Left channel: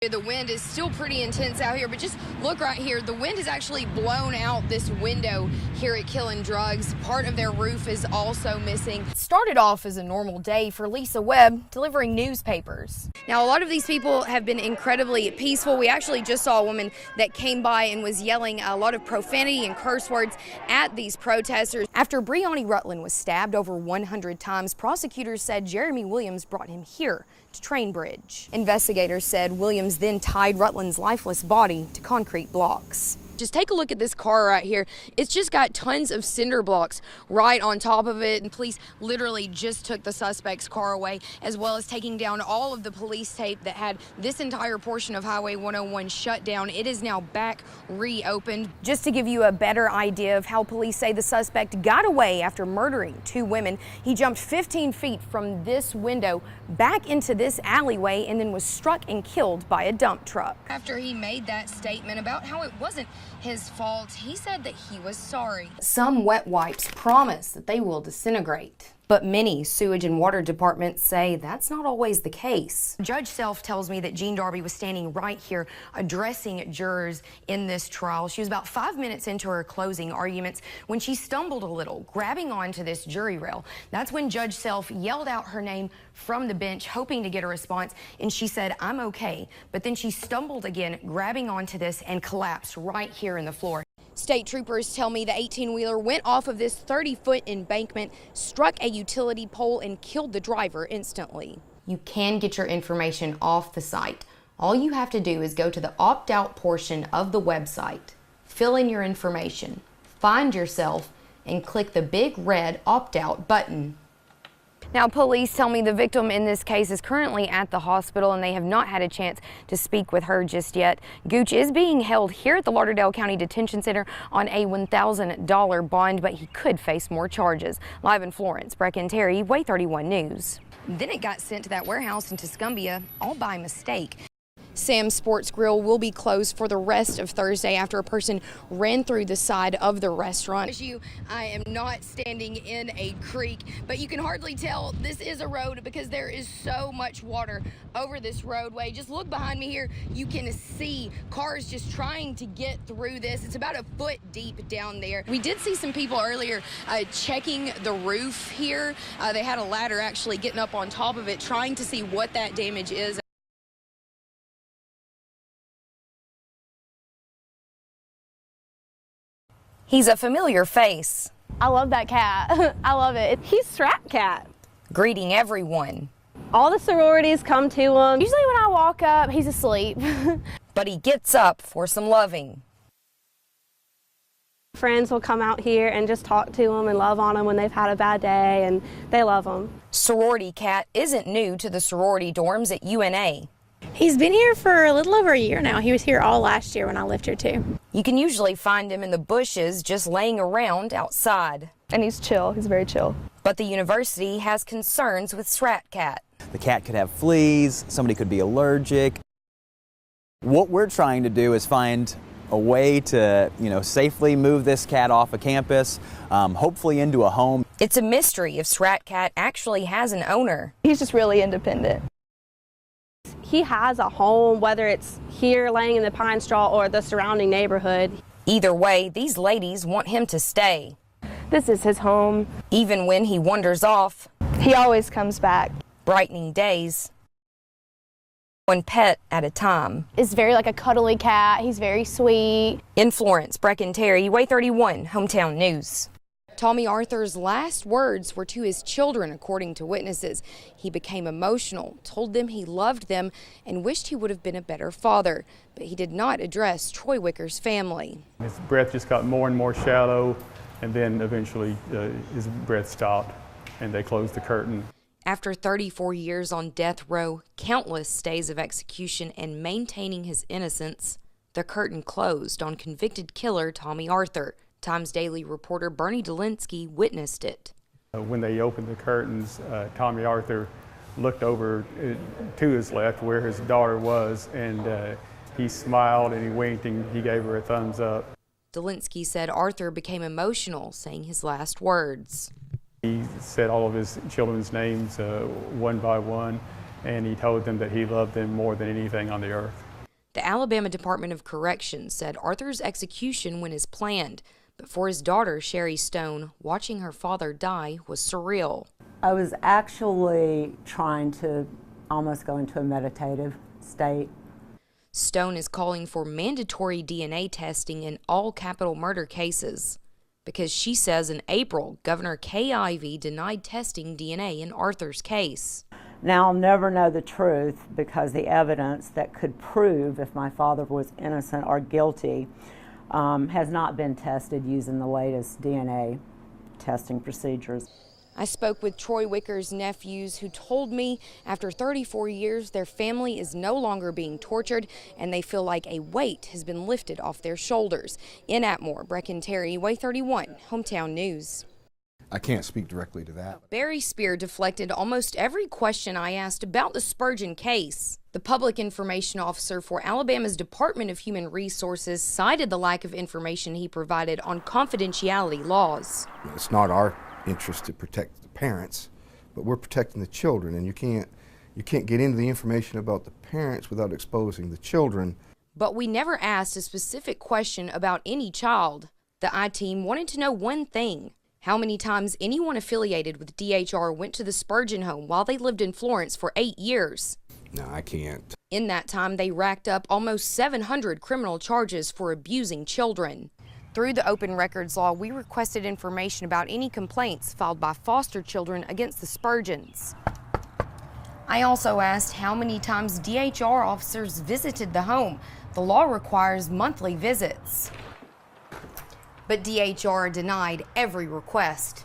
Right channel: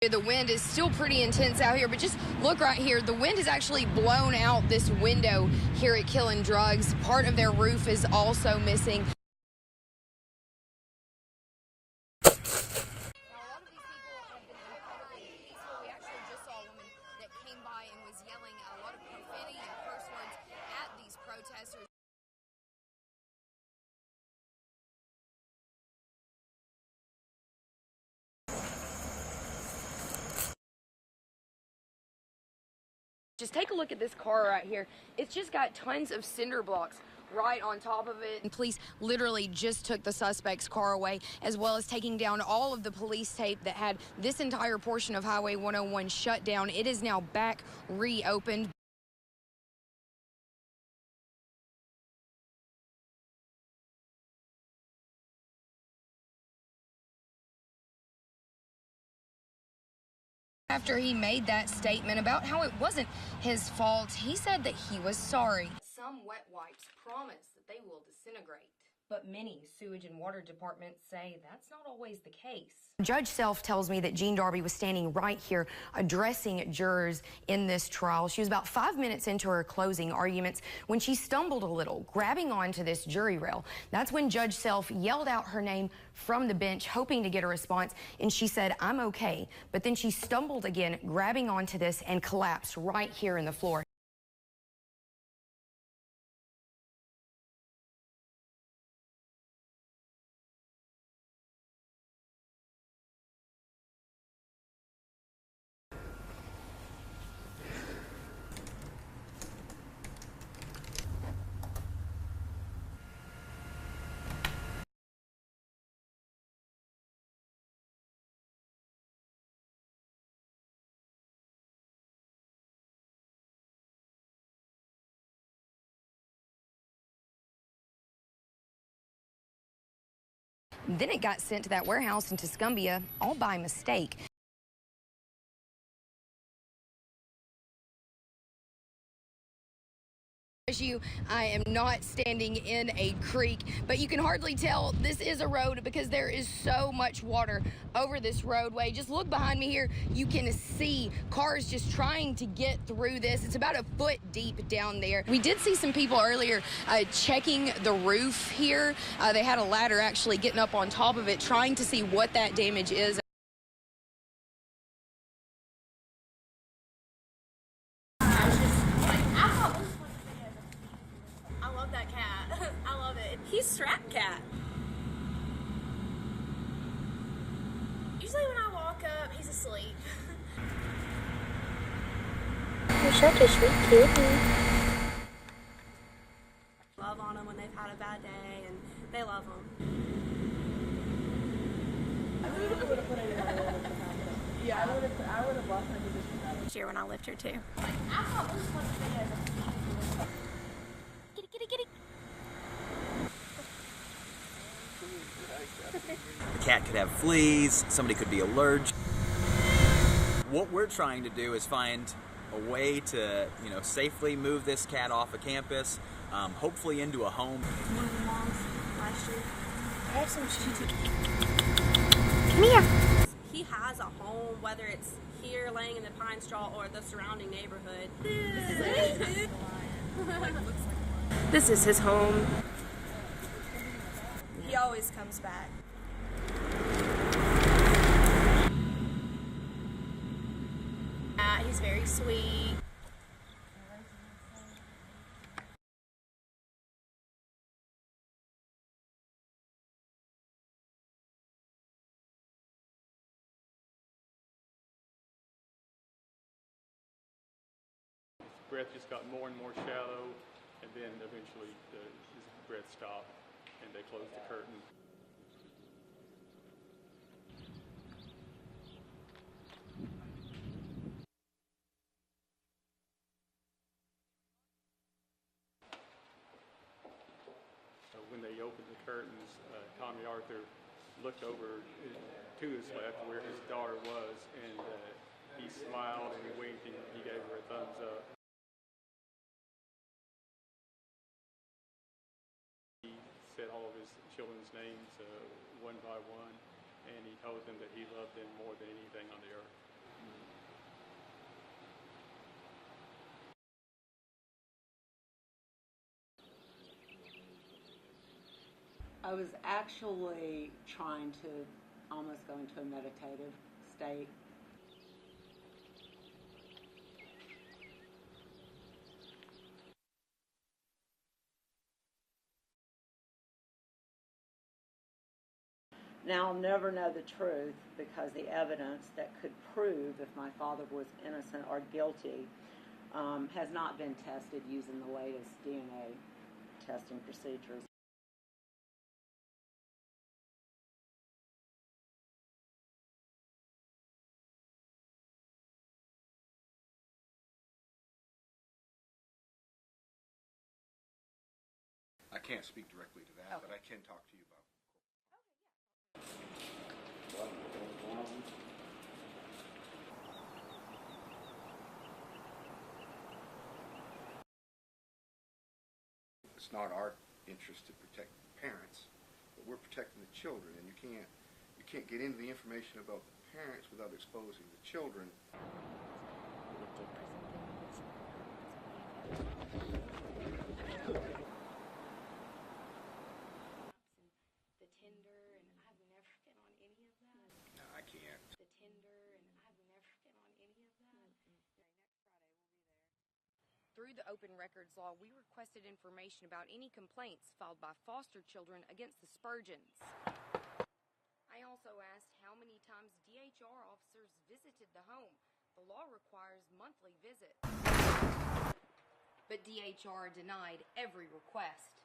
The wind is still pretty intense out here, but just look right here. The wind has actually blown out this window here at Killing Drugs. Part of their roof is also missing. It started off as a normal day for Lisa Webb delivering newspapers. Now, a lot of these people have been incredibly peaceful. We actually just saw a woman that came by and was yelling a lot of profanity and curse words at these protesters. After Breonna Rutland was stabbed over 100 times, prosecutors said Jeremy Williams brought him here to Trainbridge. Investigators said Williams then tied Rutland's lifeless body to concrete blocks. Just take a look at this car right here. It's just got tons of cinder blocks right on top of it, and police literally just took the suspect's car away, as well as taking down all of the police tape that had this entire portion of Highway 101 shut down. It is now back reopened. Just to give you a better idea of how police say the suspect got away after murdering 2 women, he jumped 15 feet from this window back into this alleyway and then was struck and killed by a dump truck. After he made that statement about how it wasn't his fault, he said that he was sorry. Some wet wipes promise that they will disintegrate, but many sewage and water departments say that's not always the case. Judge Self tells me that Jean Darby was standing right here addressing jurors in this trial. She was about 5 minutes into her closing arguments when she stumbled a little, grabbing onto this jury rail. That's when Judge Self yelled out her name from the bench, hoping to get a response, and she said, "I'm okay." But then she stumbled again, grabbing onto this, and collapsed right here in the floor. State troopers tell me the 18-wheeler went off of this 30-foot embankment, struck a utility pole, and killed the driver instantly. You can get your information off the site. All you have to do is go to the opt-out portion of the website, fill in your information, find yourself, and click the big red opt-out button. Now, police tell me the victim in this case is currently at the hospital, and they have not had a chance to speak with her just yet. Gooch is being held here at the Lauderdale County Detention Center on a $1,000 bond, but he could face more charges. Live in Florence, Breken, Way 31 News. Then it got sent to that warehouse in Tuscumbia, all by mistake. Sam's Sports Grill will be closed for the rest of Thursday after a person ran through the side of the restaurant. I am not standing in a creek, but you can hardly tell this is a road because there is so much water over this roadway. Just look behind me here. You can see cars just trying to get through this. It's about a foot deep down there. We did see some people earlier checking the roof here. They had a ladder actually getting up on top of it, trying to see what that damage is. He's a familiar face. I love that cat. I love it. He's Strap Cat. Greeting everyone. All the sororities come to him. Usually when I walk up, he's asleep. But he gets up for some loving. You're such a sweet kitty. Friends will come out here and just talk to him and love on him when they've had a bad day, and they love him. Sorority Cat isn't new to the sorority dorms at UNA. He's been here for a little over a year now. He was here all last year when I lived here too. You can usually find him in the bushes just laying around outside. And he's chill. He's very chill. But the university has concerns with Strap Cat. The cat could have fleas, somebody could be allergic. What we're trying to do is find a way to, safely move this cat off of campus, hopefully into a home. It's a mystery if Strap Cat actually has an owner. He's just really independent. Come here. He has a home, whether it's here laying in the pine straw or the surrounding neighborhood. Either way, these ladies want him to stay. This is his home. Even when he wanders off. He always comes back. Brightening days. One pet at a time. It's very like a cuddly cat. He's very sweet. In Florence, Breken, Way 31, Hometown News. Tommy Arthur's last words were to his children, according to witnesses. He became emotional, told them he loved them, and wished he would have been a better father. But he did not address Troy Wicker's family. His breath just got more and more shallow, and then eventually his breath stopped, and they closed the curtain. After 34 years on death row, countless days of execution, and maintaining his innocence, the curtain closed on convicted killer Tommy Arthur. Times Daily reporter Bernie Dolinsky witnessed it. When they opened the curtains, Tommy Arthur looked over to his left where his daughter was, and he smiled and he winked and he gave her a thumbs up. Dolinsky said Arthur became emotional, saying his last words. He said all of his children's names one by one, and he told them that he loved them more than anything on the earth. The Alabama Department of Corrections said Arthur's execution went as planned, but for his daughter, Sherry Stone, watching her father die was surreal. I was actually trying to almost go into a meditative state. Stone is calling for mandatory DNA testing in all capital murder cases because she says in April, Governor Kay Ivey denied testing DNA in Arthur's case. Now I'll never know the truth because the evidence that could prove if my father was innocent or guilty has not been tested using the latest DNA testing procedures. I spoke with Troy Wicker's nephews who told me after 34 years their family is no longer being tortured and they feel like a weight has been lifted off their shoulders. In Atmore, Breken Terry, Way 31, Hometown News. I can't speak directly to that. Barry Spear deflected almost every question I asked about the Spurgeon case. The public information officer for Alabama's Department of Human Resources cited the lack of information he provided on confidentiality laws. It's not our interest to protect the parents, but we're protecting the children, and you can't get into the information about the parents without exposing the children. But we never asked a specific question about any child. The I-Team wanted to know one thing: how many times anyone affiliated with DHR went to the Spurgeon home while they lived in Florence for 8 years. No, I can't. In that time, they racked up almost 700 criminal charges for abusing children. Through the open records law, we requested information about any complaints filed by foster children against the Spurgeons. I also asked how many times DHR officers visited the home. The law requires monthly visits. But DHR denied every request.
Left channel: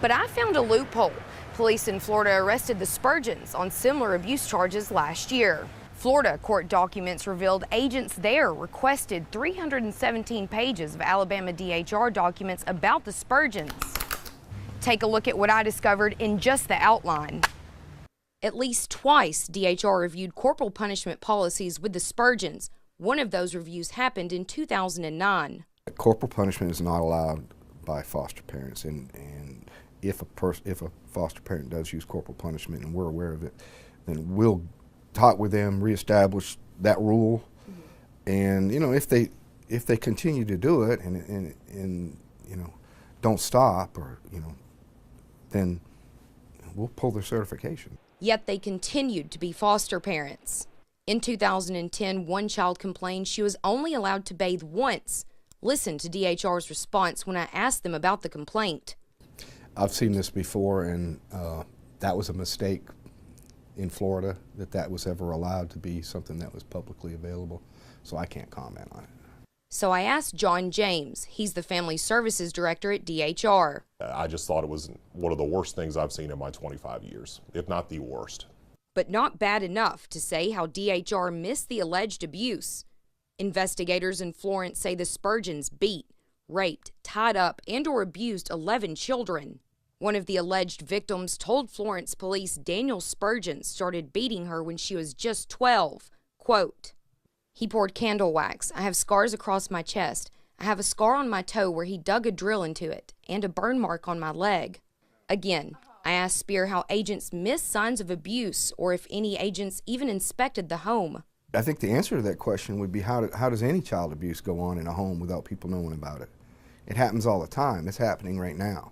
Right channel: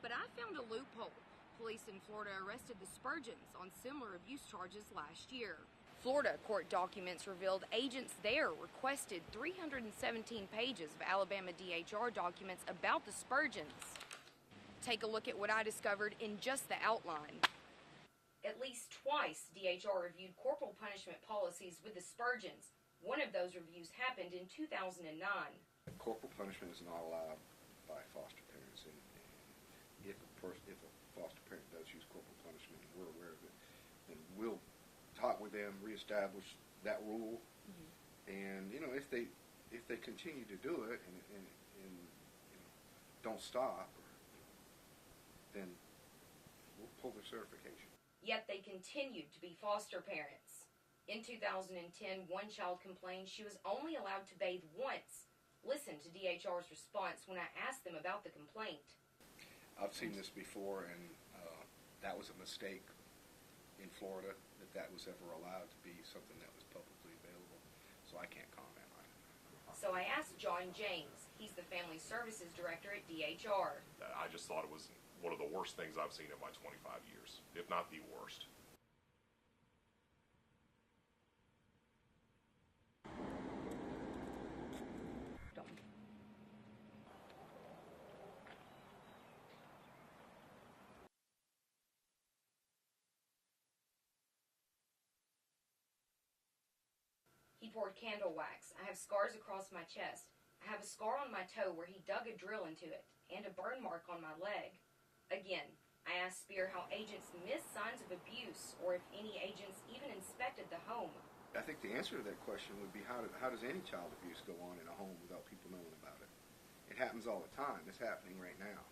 But I found a loophole. Police in Florida arrested the Spurgeons on similar abuse charges last year. Florida court documents revealed agents there requested 317 pages of Alabama DHR documents about the Spurgeons. Take a look at what I discovered in just the outline. At least twice, DHR reviewed corporal punishment policies with the Spurgeons. One of those reviews happened in 2009. Corporal punishment is not allowed by foster parents, and if a foster parent does use corporal punishment and we're aware of it, then we'll talk with them, reestablish that rule, and if they continue to do it and don't stop, or then we'll pull their certification. Yet they continued to be foster parents. In 2010, one child complained she was only allowed to bathe once. Listen to DHR's response when I asked them about the complaint. I've seen this before, and that was a mistake in Florida, that was ever allowed to be something that was publicly available, so I can't comment on it. So I asked John James. He's the Family Services Director at DHR. I just thought it was one of the worst things I've seen in my 25 years, if not the worst. But not bad enough to say how DHR missed the alleged abuse. Investigators in Florence say the Spurgeons beat, raped, tied up, and/or abused 11 children. One of the alleged victims told Florence police Daniel Spurgeon started beating her when she was just 12. Quote, "He poured candle wax. I have scars across my chest. I have a scar on my toe where he dug a drill into it, and a burn mark on my leg." Again, I asked Spear how agents missed signs of abuse, or if any agents even inspected the home. I think the answer to that question would be how does any child abuse go on in a home without people knowing about it? It happens all the time. It's happening right now.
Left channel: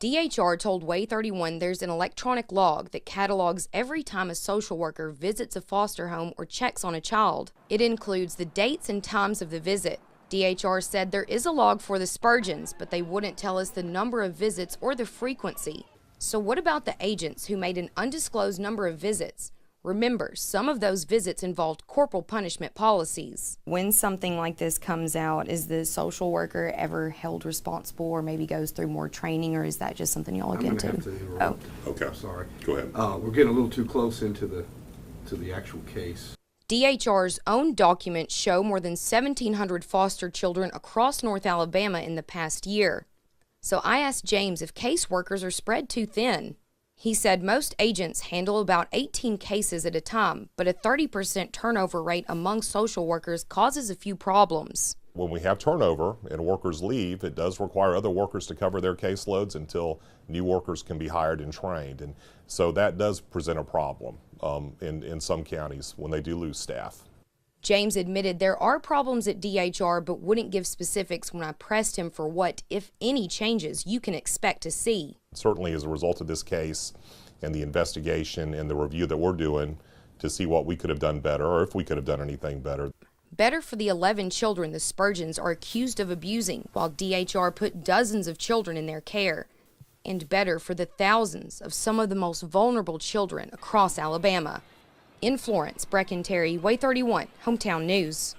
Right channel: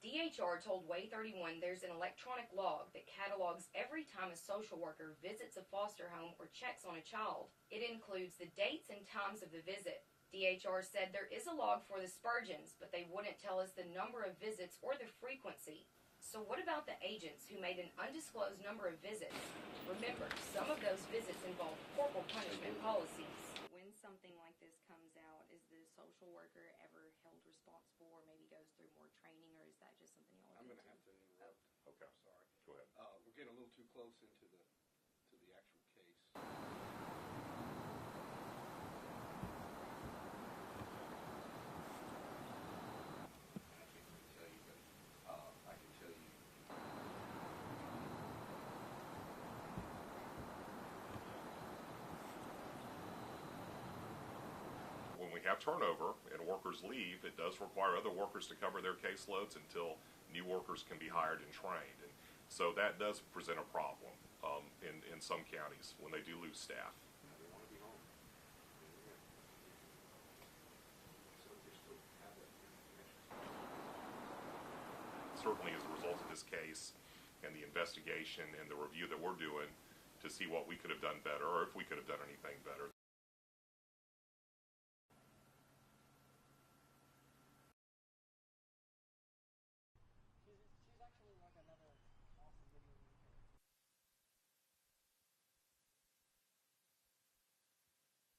DHR told Way 31 there's an electronic log that catalogs every time a social worker visits a foster home or checks on a child. It includes the dates and times of the visit. DHR said there is a log for the Spurgeons, but they wouldn't tell us the number of visits or the frequency. So what about the agents who made an undisclosed number of visits? Remember, some of those visits involved corporal punishment policies. When something like this comes out, is the social worker ever held responsible or maybe goes through more training, or is that just something y'all look into? Oh, Okay. I'm sorry. Go ahead. We're getting a little too close into the actual case. DHR's own documents show more than 1,700 foster children across North Alabama in the past year. So I asked James if caseworkers are spread too thin. He said most agents handle about 18 cases at a time, but a 30% turnover rate among social workers causes a few problems. When we have turnover and workers leave, it does require other workers to cover their caseloads until new workers can be hired and trained. And so that does present a problem in some counties when they do lose staff. James admitted there are problems at DHR, but wouldn't give specifics when I pressed him for what, if any, changes you can expect to see. Certainly as a result of this case and the investigation and the review that we're doing to see what we could have done better or if we could have done anything better. Better for the 11 children the Spurgeons are accused of abusing, while DHR put dozens of children in their care. And better for the thousands of some of the most vulnerable children across Alabama. In Florence, Breken, Way 31, Hometown News.